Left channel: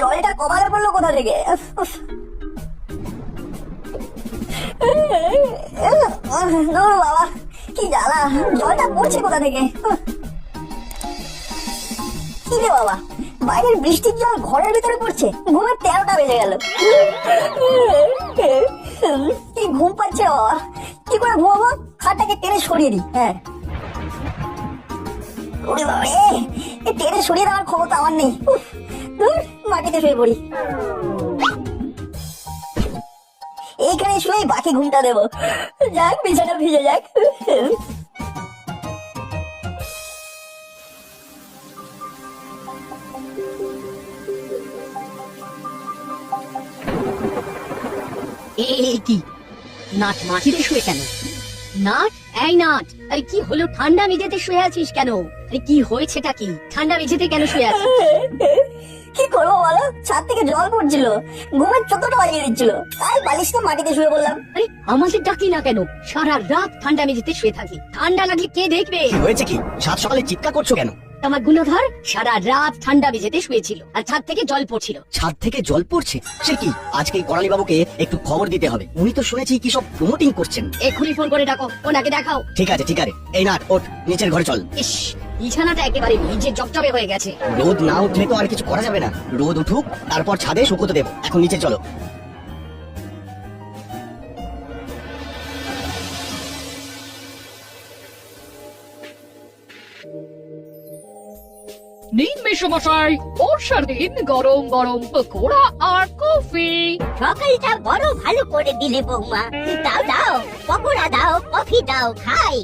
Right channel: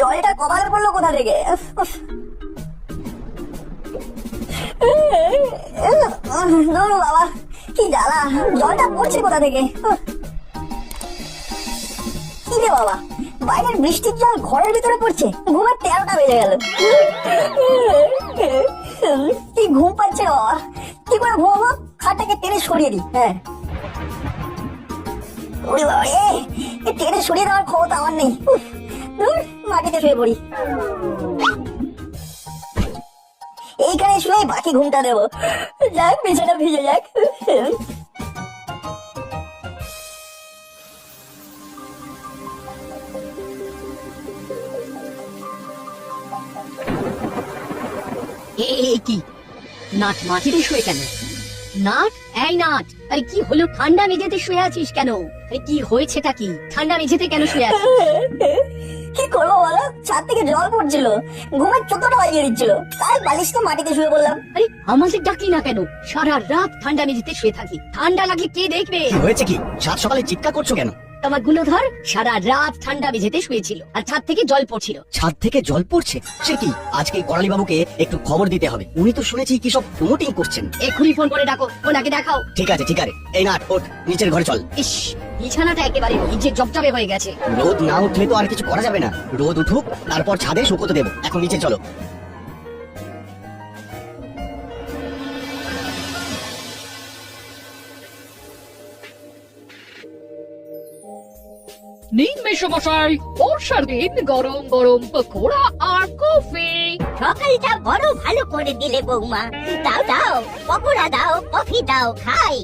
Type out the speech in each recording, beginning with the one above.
জলটা কমালে পড়লো কোথা থেকে? বাবা কি জ্বালা, জলটা পড়ছে কোথা থেকে? কি রে বাবা, বাইরের বৃষ্টির জল ঘরের ভিতরে পড়ছে, ঘুমের 13টা বেজে গেল। কি ঘুম পাচ্ছে বাবা, কি করে ঘুমাবো? খাটটাকে টেনে সরিয়ে দিই। হ্যাঁ টেনে সরিয়ে দেওয়ার ক্ষমতা আমার নেই, মাটিতে শুয়ে পড়ি। এইখানে শুয়ে বাকি ঘুমটা দেবো, যাক বিছানা ভিজে যাক। কি নাট মাটিতে শুয়ে কেন? নাট, এই নাট, আরে কি হলো? ঠান্ডা মেঝেতে শুয়ে আছিস কেন? আরে কি হয়েছেটা কি? ঠান্ডা মেঝেতে কেন শুয়ে আছিস? কি করবো বলো, ছাদ থেকে জল পড়ছিল, ঘুমের 14টা বাজিয়ে দিচ্ছিল, তাই বালিশটা মাটিতে শুয়ে বললাম। আরে আমাদের ডাকি না কেন? সারা রাত ঠান্ডা মেঝেতে শুয়ে থাকি, ঠান্ডা লাগলে কে দেখবে? হয়েছে কি? সাত সকালে চিৎকার করছো কেন? আমার গুণধর সারা রাত ঠান্ডা মেঝেতে শুয়েছিল আর ছাদ থেকে জল পড়ছিল। ছাদ থেকে জল পড়ছে? সে কি? আজকে করালি বাবুকে একটু খবর দিতে হবে, উনি তো শুনেছি কি সব প্রমোটিং করছেন। এক্ষুনি ফোন করে ডাকো, ওনাকে দেখাও। ঠিক আছে ঠিক আছে, এই নাট ওঠ, নিচের ঘরে চল। ইস, বিছানাটা একেবারে ভিজে জবজবে হয়ে গেছে। রোদ না উঠলে তো আর কিছু করা যাবে না, রোদ উঠুক তারপর ছাদে শুকোতে দেবো। এখন নিচে চলো। নিন মেশামশাই, বর্ষার দিন গরম গরম পকোড়া আর কফি। সকালটা বড় ভালো করে দিলে বৌমা, দাও দাও, পকোড়া দাও, কফি দাও, খাই।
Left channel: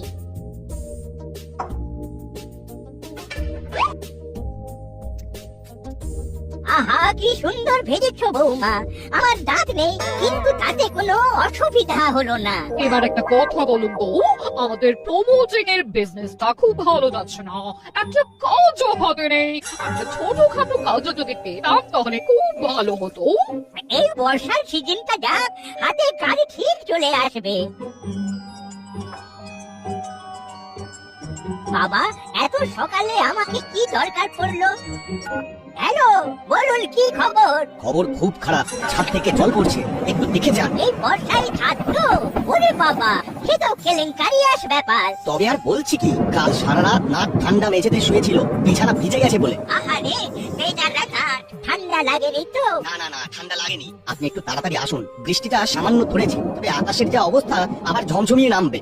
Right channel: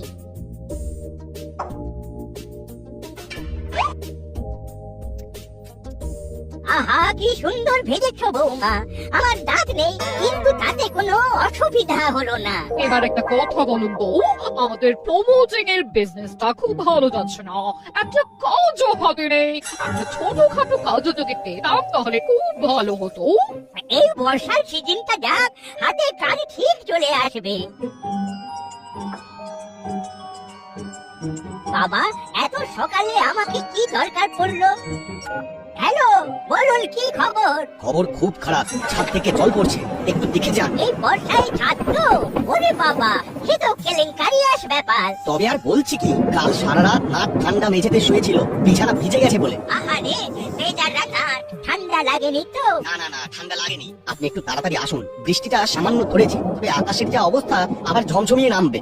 আহা কি সুন্দর ভেজেছো বৌমা, আমার দাঁত নেই কিন্তু তাতে কোনো অসুবিধা হলো না। এবার একটা কথা বলুন তো, আমাদের প্রমোটিং এর বিজনেসটা খুব ভালো যাচ্ছে না, একটা কাজও হাতে নেই। একটা ছোটখাটো কাজও যদি পেতাম তাহলে খুব ভালো হতো। এই বর্ষার সিজনটা যাক, হাতে কাজ ঠিক চলে আসবে। বাবা এত সকালে আমাকে কি দরকার পড়লো? হ্যালো বলুন, কি খবর? খবর খুব খারাপ, ছাদ থেকে জল পড়ছে, একটু দেখে যান। এই বর্ষায় ছাত্র, ওরে বাবা সে তো কেলেঙ্কারিয়াস ব্যাপার। তবে আর বলছি কি, কাল সারা রাত নাক ঠান্ডা মেঝেতে শুয়েছিল, বিছানা ভিজে গেছে বলে। আহারে বেজারা গাছ, ঠান্ডা লাগেনি তো? না না না, ঠান্ডা লাগেনি। আপনি একটু তাড়াতাড়ি আসুন, বৃষ্টিটা সামান্য পড়েছে, তবে আকাশের যা অবস্থা আবার ঝমঝমিয়ে নামবে।